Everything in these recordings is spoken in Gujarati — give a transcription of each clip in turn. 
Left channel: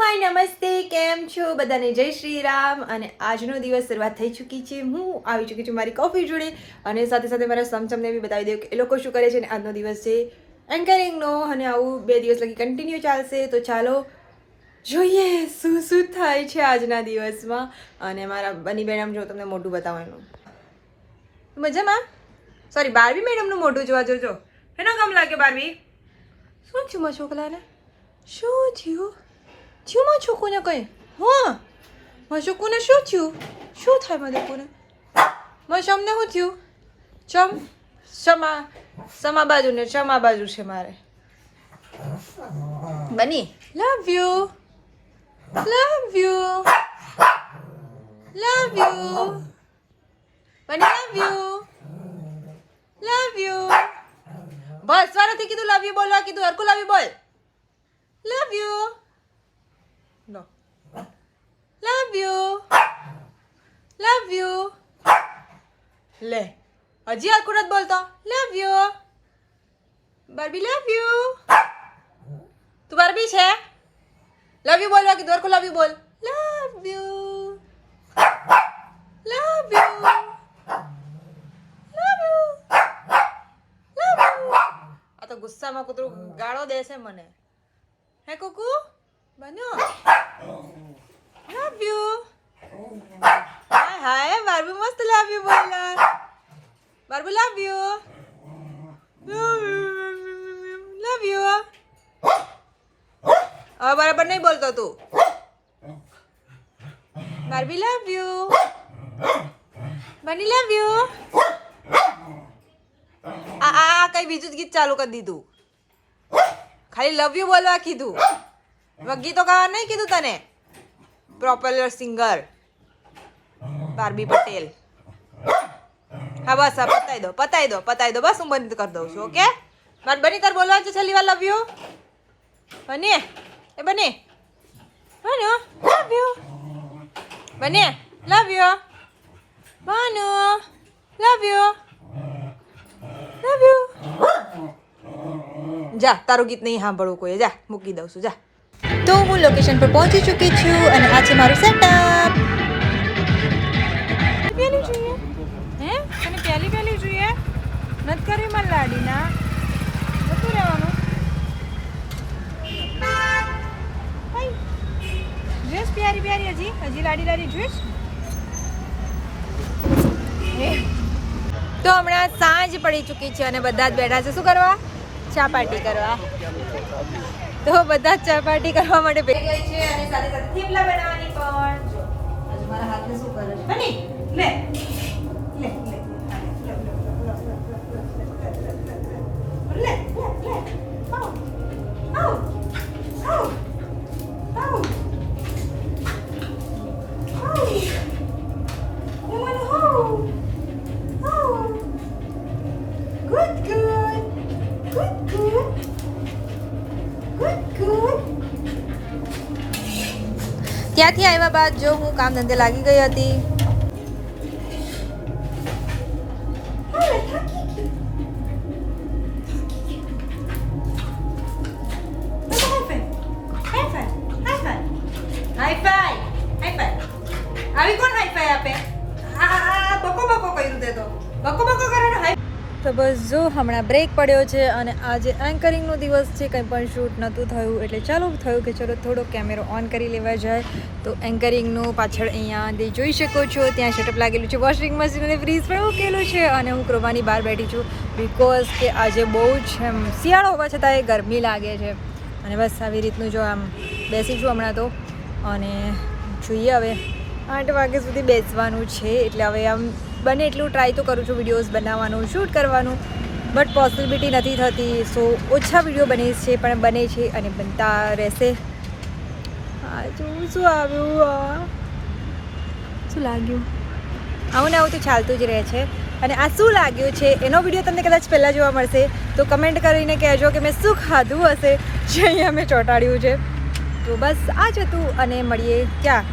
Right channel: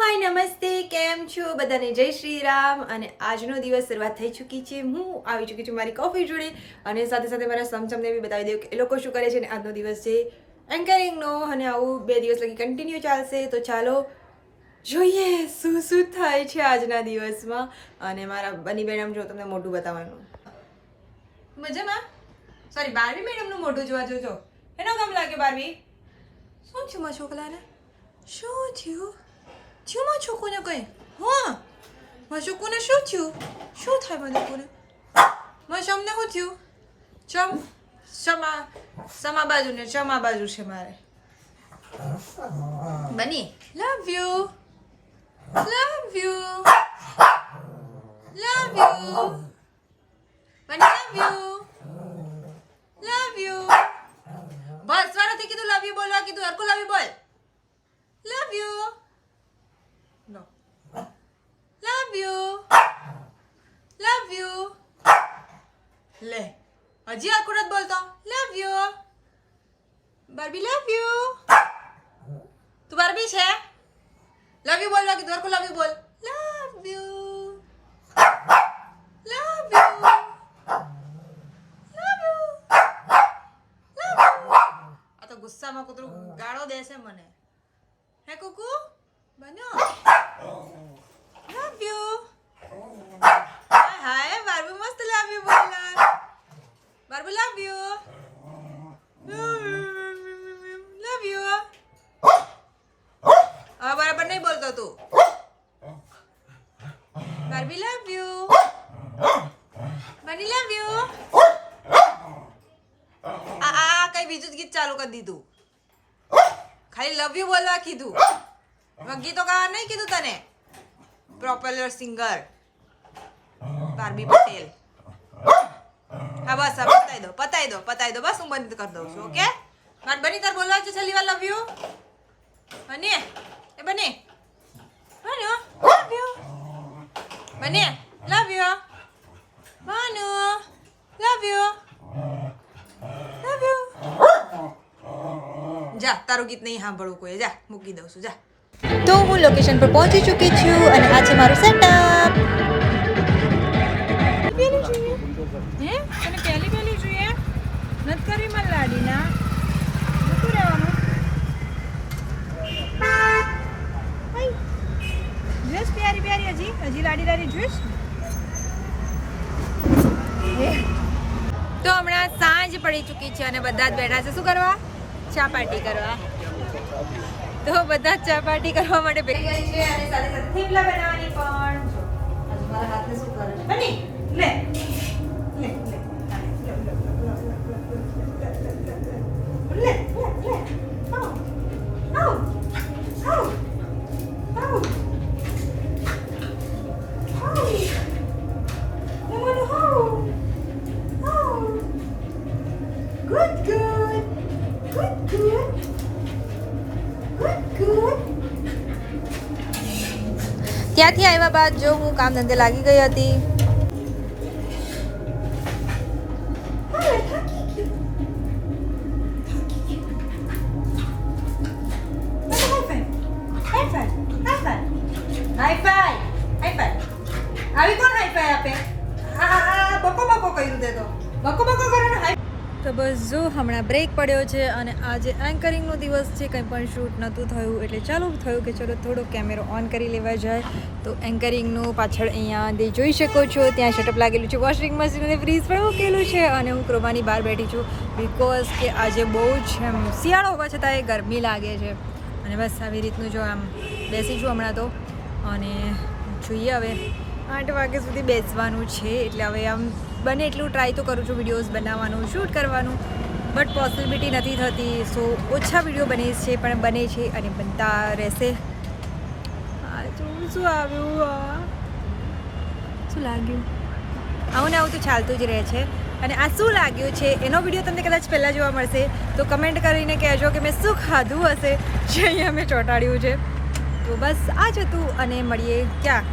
હાય નમસ્તે, કેમ છો બધાને? જય શ્રી રામ. અને આજનો દિવસ શરૂઆત થઈ ચૂકી છે. હું આવી ચૂકી છું મારી કોફી જોડે અને સાથે સાથે મારા સમચમને બી બતાવી દઉં કે એ લોકો શું કરે છે. અને આજનો દિવસ છે એન્કરિંગનો અને આવું 2 દિવસ લગી કન્ટિન્યુ ચાલશે. તો ચાલો જોઈએ શું શું થાય છે આજના દિવસમાં. અને મારા બની મેડમ જો તમને મોઢું બતાવવાનું મજામાં. સોરી, બારબી મેડમનું મોઢું જોવા જોજો. એનો કામ લાગે બારબી. શું થયું મારા છોકરાને? શું થયું? થયું મારા છોકુને કંઈ? હા, મારા છોકુને શું થયું? શું થાય મારા છોકુને? મારા શમને શું થયું? સમા બાજુ ને ચમા બાજુ છે મારે. બની લવ you, love you, love you, બની લવ યુ, લવ યુ. બસ વારાથી કીધું લવ યુ બોલવા કીધું. હરકું લવ યુ બોલ. Love you. No, love you, love you. લે હજી હરકું નથી બોલતો. Love you Barbie, love you. તું બારબી છે? લવ યુ બોલવા કીધું. હરકું લવ યુ બોલ. Love you, love you, love you, love you. આ તો ગુસ્સામાં કૂતરું ગાળો દેશે મને. હે કુકુ બન્યો. Love you. હાય હાય બારબી મસ્ત લવ યુ બોલા. બારબી લવ યુ, લવ યુ. હવે બરાબર નહીં બોલતો તું. બારબી લવ યુ, બની લવ યુ. આ કઈ બીજું જ ગીત ચાલુ કરી દીધું. ખાલી લવ યુ બોલવા કીધું. ગીતો ગાવા નહીં કીધું તને. Popular singer Barbie Patel. હા બસ, હા પતાઈ દો, પતાઈ દો, પતાઈ દો. બસ હું બંધ કરી દઉં છું. ઓકે મારે બની તાર બોલવા છે છેલ્લી વાર લવ યુ. બની એ બની બન્યો લવ યુ. બની love you. Banu love you, love you. જા, તારું ગીત નહીં સાંભળવું કોઈ. જા મૂકી દઉં છું. જા. તો હું લોકેશન પર પહોંચી ચૂકી છું અને આ છે મારું સેટઅપ. પેલી જોઈએ હે? તને પેલી જોઈએ? નથી કરવી મને લાડીના. નથી રહેવાનું. જોઈશ પ્યારી પ્યારી હજી લાડી જોઈશ. તો હમણાં સાંજ પડી ચૂકી છે અને બધા જ બેઠા છે. શું કરવા? ચા પાર્ટી કરવા. તો બધા ચા પાર્ટી કરવા માટે બેઠી ગઈ છે અને સાથે સાથે થેપલા બનાવવાની પણ. જો મારા હાથને શું કરે છે? બની લે લે લે લે લે આવ આવ આવ આવ Good, good. Good, good. Good, good. ત્યાંથી આવ્યા બાદ જો હું કામ ધંધે લાગી ગઈ હતી. આવી કોણ હાઈ આપે? આ બકો બકો કર્યું તે તો. બકો બકો કરવાનો હાઈ. તો બસ જો હમણાં બ્રેક પડ્યો છે અને આજે એન્કરિંગનો દિવસ છે. કંઈ પણ શૂટ નહોતું થયું એટલે ચાલુ થયું કે ચલો થોડો કેમેરો ઓન કરી લેવા જાય. તો એન્કરિંગનું પાછળ અહીંયા જોઈ શકો છો ત્યાં સેટઅપ લાગેલું છે. વોશિંગ મશીન અને ફ્રીજ પણ મૂકેલું છે અને હું ક્રોમાની બહાર બેઠી છું બિકોઝ કે આજે બહુ જ શિયાળો હોવા છતાં એ ગરમી લાગે છે. અને બસ આવી રીતનું જો આમ બેસી છું હમણાં તો. અને જોઈએ હવે 8 વાગ્યા સુધી બેસવાનું છે એટલે હવે આમ બને એટલું ટ્રાય તો કરું છું વિડીયોઝ બનાવવાનું, શૂટ કરવાનું, બટ પોસિબિલિટી નથી થતી. સો ઓછા વિડીયો બને છે પણ બને છે અને બનતા રહેશે. હા જોવું શું આવ્યું, શું લાગ્યું? આવું ને આવું તો ચાલતું જ રહે છે. અને આ શું લાગ્યું છે એનો વિડીયો તમને કદાચ પહેલાં જોવા મળશે. તો કમેન્ટ કરીને કહેજો કે મેં શું ખાધું હશે જે અહીંયા મેં ચોંટાડ્યું છે. તો બસ આ જ હતું અને મળીએ ક્યાં?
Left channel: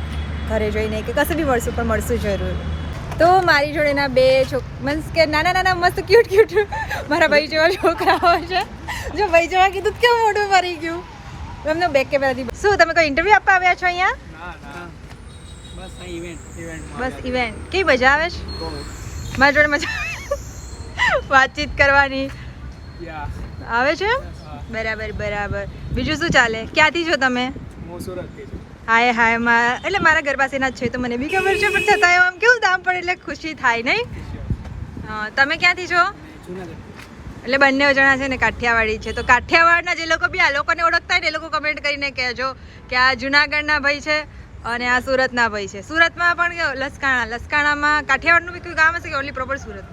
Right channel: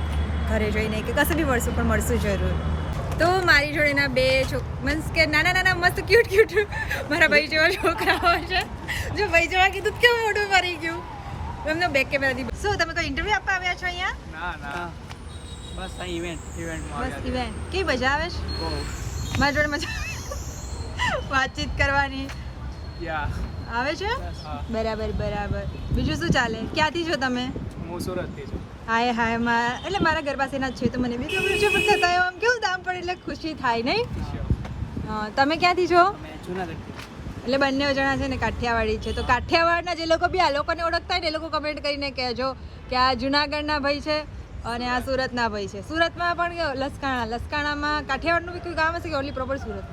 ઘરે જઈને કે કશે બી મળશું પણ મળશું જરૂર. તો મારી જોડેના બે મીન્સ કે નાના નાના મસ્ત ક્યુટ મારા ભાઈ જેવા છોકરાઓ છે. જો ભાઈ જેવા કીધું કેવું મોઢું ભરી ગયું. તમને બેક કેમેરાથી શું તમે કોઈ ઇન્ટરવ્યુ આપવા આવ્યા છો અહીંયા? ના બસ આ ઇવેન્ટ બસ ઇવેન્ટ કેવી મજા આવે છે? મારી જોડે મજા વાતચીત કરવાની આવે છે? બરાબર બીજું શું ચાલે? ક્યાંથી છો તમે? હું સુરતથી છું. હાય એટલે મારા ઘર પાસેના જ છે તો મને બી ખબર છે, પણ છતાં આમ કેવું દામ પડે એટલે ખુશી થાય નહીં? હા, તમે ક્યાંથી છો? જુનાગઢ. એટલે બંને જણા છે ને કાઠિયાવાડી છે, તો કાઠિયાવાડના જે લોકો બી આ લોકોને ઓળખતા હોય ને એ લોકો કમેન્ટ કરીને કહેજો કે આ જુનાગઢના ભાઈ છે અને આ સુરતના ભાઈ છે. સુરતમાં પણ લસકાણામાં કાઠિયાવાડનું બી કોઈ ગામ હશે કે ઓનલી પ્રોપર સુરત?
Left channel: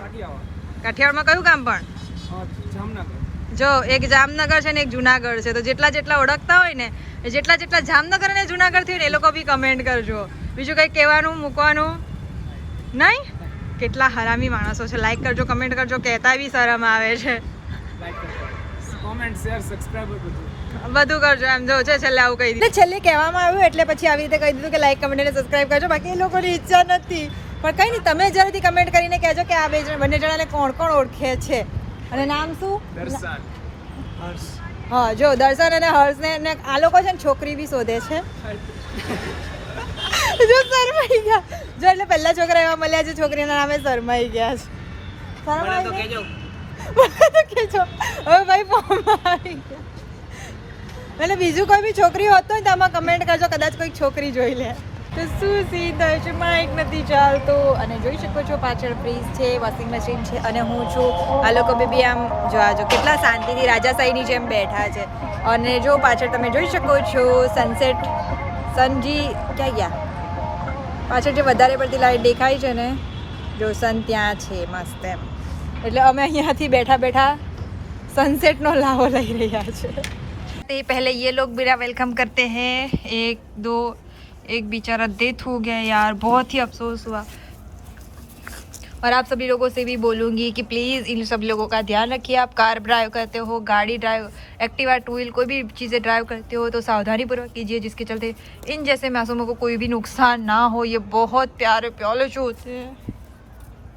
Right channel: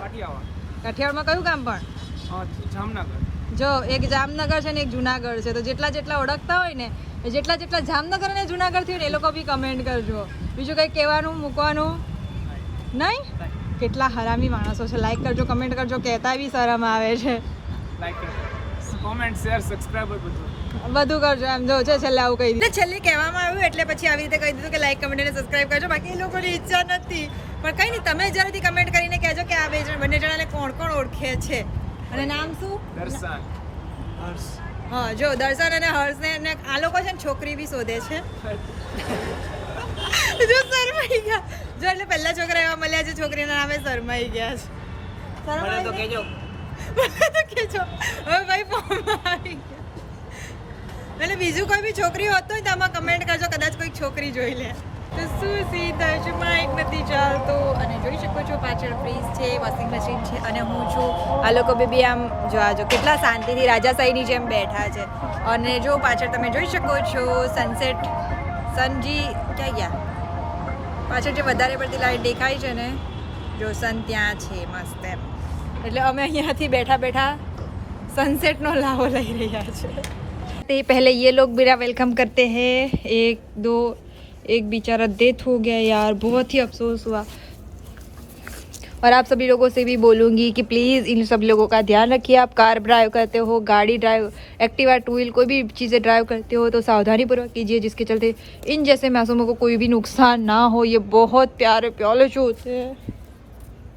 કાઠિયાવાડમાં કયું ગામ પણ? જામનગર. જો એક જામનગર છે ને એક જુનાગઢ છે, તો જેટલા ઓળખતા હોય ને જેટલા જામનગર અને જુનાગઢ થી ને એ લોકો બી કમેન્ટ કરજો. બીજું કંઈ કહેવાનું મૂકવાનું નહીં? કેટલા હરામી માણસો છે. લાઈક કરજો, કમેન્ટ કરજો, કહેતા બી શરમ આવે છે. લાઈક કરજો, કોમેન્ટ, શેર, સબસ્ક્રાઇબ બધું કરજો. એમ જો છે છેલ્લે આવું કહી દીધું, છેલ્લે કહેવામાં આવ્યું એટલે પછી આવી રીતે કહી દીધું કે લાઈક, કમેન્ટ અને સબસ્ક્રાઇબ કરજો. બાકી એ લોકોની ઈચ્છા નથી, પણ કંઈ નહીં, તમે જરૂરથી કમેન્ટ કરીને કહેજો કે આ બંને જણાને કોણ ઓળખે છે અને નામ શું? દર્શન, હર્ષ. હા, જો દર્શન અને હર્ષને આ લોકો છે ને છોકરી બી શોધે છે. જો શરમાઈ ગયા, જો એટલે પહેલા છોકરા એવા મળ્યા છે છોકરીના નામે શરમાઈ ગયા છે. કેજો હવે ભાઈ ફોર્મમાં આવી ગયા. એટલે બીજું કોઈ બી છોકરી હોત તો આમાં કમેન્ટ કરજો, કદાચ કોઈ છોકરી જોઈ લે. તો શું સીન થાય છે? માઇક નથી ચાલતો અને જોઈ શકો છો પાછળ ફ્રીજ છે, વોશિંગ મશીન છે અને હું છું. આ લોકો બી આમ જો કેટલા શાંતિથી રાજાશાહીની જેમ બેઠા છે. અને જો પાછળ તમે જોઈ શકો છો સનસેટ. સનજી ક્યાં ગયા? પાછળ જે વધારે પડતી લાઈટ દેખાય છે ને, જો સન ત્યાં છે મસ્ત એમ. એટલે અમે અહીંયાથી બેઠા સનसेट નો લાવો લઈ રહ્યા છે. पहले ये लोग मेरा वेलकम करते हैं. एक बेचारा डेथ हो गया यार, बहुत ही अफसोस हुआ. और आप सभी लोगों से भी बोलूँगी कि प्लीज़ इन सब लोगों का ध्यान रखिए. आप कार ड्राइव करते हो, गाड़ी ड्राइव, एक्टिवा, टू व्हील, कोई भी चीज़ें ड्राइव करते हो तो सावधानी पूर्वक कीजिए, जिसके चलते इन जैसे मासूमों को कोई भी नुकसान ना हो. ये बहुत प्यारे प्याले जो होते हैं.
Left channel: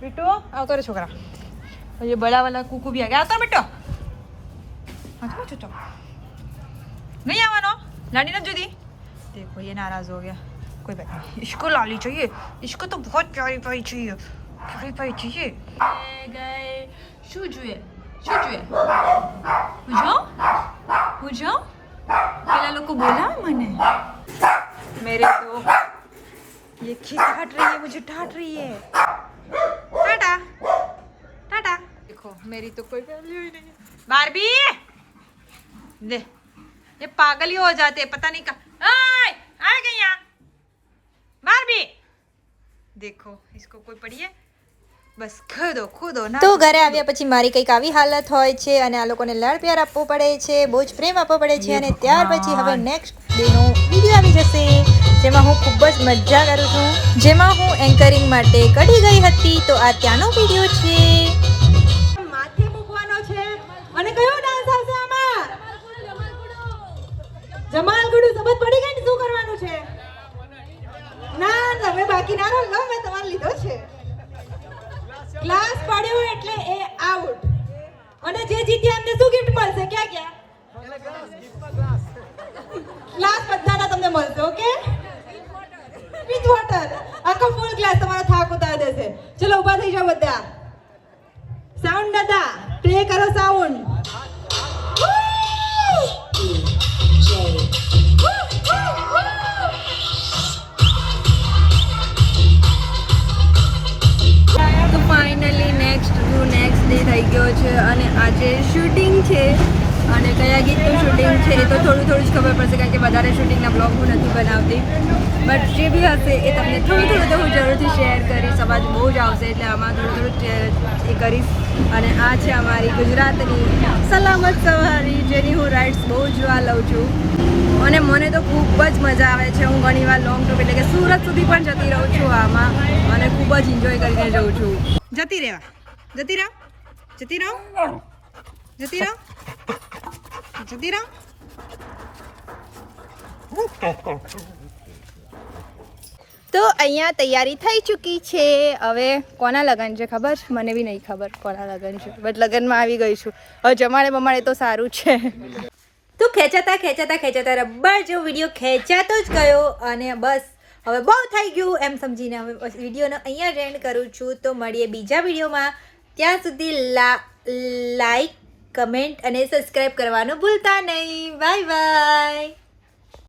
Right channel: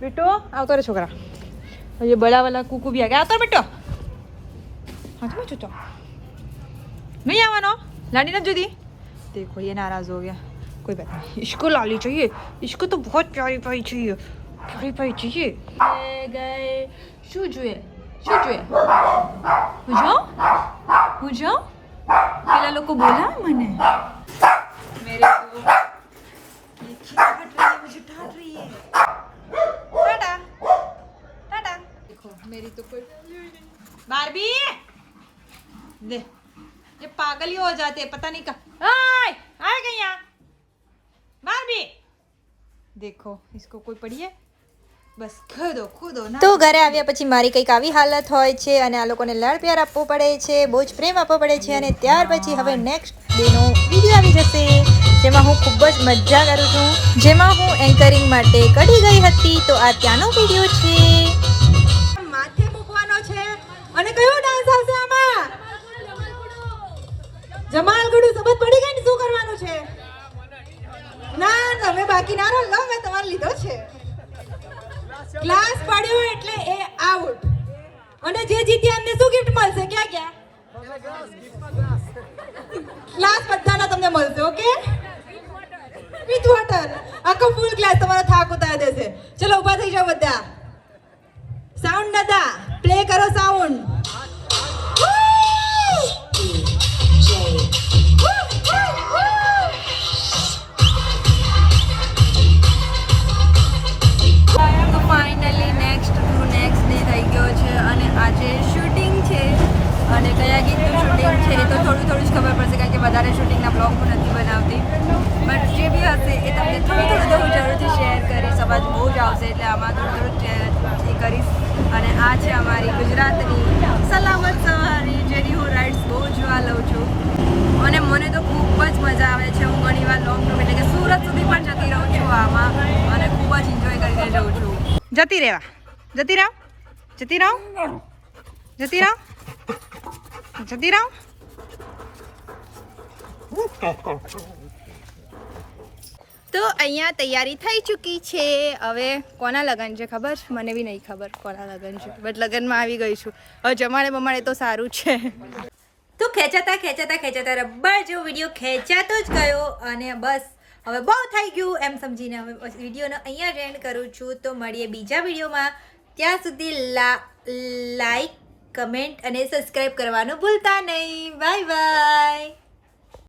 बेटो आओ करो छोकरा, ये बड़ा वाला कुकू भी आ गया. आता बेटो नहीं आवानो, लाडी ना जुदी. देखो ये नाराज हो गया. कोई बात नहीं, इसको लाली चाहिए, इसको तो बहुत प्यारी पाई चाहिए, प्यारी पाई चाहिए. गए शू જોઈએ પૂછો પેલા લોકો બોલાવે મને. मेरे तो ये खिलाट रही है, मुझे डांट रही है. टाटा टाटा. देखो मेरी तो कोई वैल्यू ही नहीं. बारबी दे, ये पागल ही हो जाते हैं, पता नहीं कहाँ. आ गई यहाँ बारबी. देखो इसको कोई पड़ी है બસ ખુદો ના. તો ઘરે આવ્યા પછી મારી કંઈક આવી હાલત હોય છે અને આ લોકોને લાડ પ્યાર આપવો પડે છે, બહુ જ પ્રેમ આપવો પડે છે. અને ત્યાર પછી હવે નેક્સ્ટ ડેનો વિડીયો આવી જશે, જેમાં હું ખૂબ જ મજા કરું છું, જેમાં હું એન્કરિંગ માટે કડી ગઈ હતી. તો આ ત્યાંનો વિડીયો છે. માથે મૂકવાનો છે. અને કયો ડાન્સ આવશે આમાં? જમાલગુડુ. સમજ પડી ગઈ ને શું કરવાનું છે? ના તમે બાકી ના રહો, મેં તમારે લીધો છે. ક્લાસ પડ્યો એટલે એ આઉટ. અને જે જીત્યા એમને શું ગિફ્ટ મળશે? ક્યાં ક્લાસ બધાના તમને મળશે. Okay, with water. આખો ફૂલ ક્લાસ તમારો થાક ઉતારી દેશે. ચલો ઊભા થઈ જાઓ બધા. સાઉન્ડ દાદા પ્લે કરો સાઉન્ડ. ફાઇનલી નેક્સ્ટ ડે થઈ ગયો છે અને આજે શૂટિંગ છે અને કયા ગીતનું શૂટિંગ છે એ તો થોડું જ ખબર પડશે, કારણ કે વધારે શૂટિંગના બ્લોગ હું નથી બનાવતી. બટ જે બી હશે એ તમને થોડું તો હું જરૂરથી શેર કરીશ. અવાજ બહુ જ આવશે એટલે આમાં થોડું એ કરીશ. અને આ છે અમારી ગુજરાતની સલામત સવારી, જેની હું રાઇડ્સ બહુ જોવા લઉં છું અને મને તો ખૂબ જ મજા આવે છે. હું ઘણીવાર લોંગ ટૂર એટલે કે સુરત સુધી પણ જતી રહું છું આમાં અને ખૂબ જ એન્જોય કરીને જઉં છું. જતી રહો. તો અહીંયા તૈયારી થઈ ચૂકી છે. હવે કોના લગન છે ખબર? મને બી નહીં ખબર કોના લગન છે, બટ લગનમાં આવી ગઈ છું. હવે જમાડે બમાડે તો સારું છે. તો ખેંચાતા રબર જેવો વિડીયો ખેંચાતો જ ગયો અને બસ હવે બહુ થઈ ગયું એમ સમજીને હવે વિડીયોનો અહીંયા એન્ડ કરું છું. તો મળીએ બીજા વિડીયોમાં. ત્યાં સુધી લાઈક કમેન્ટ અને સબસ્ક્રાઈબ કરવાનું ભૂલતા નહીં. Bye bye.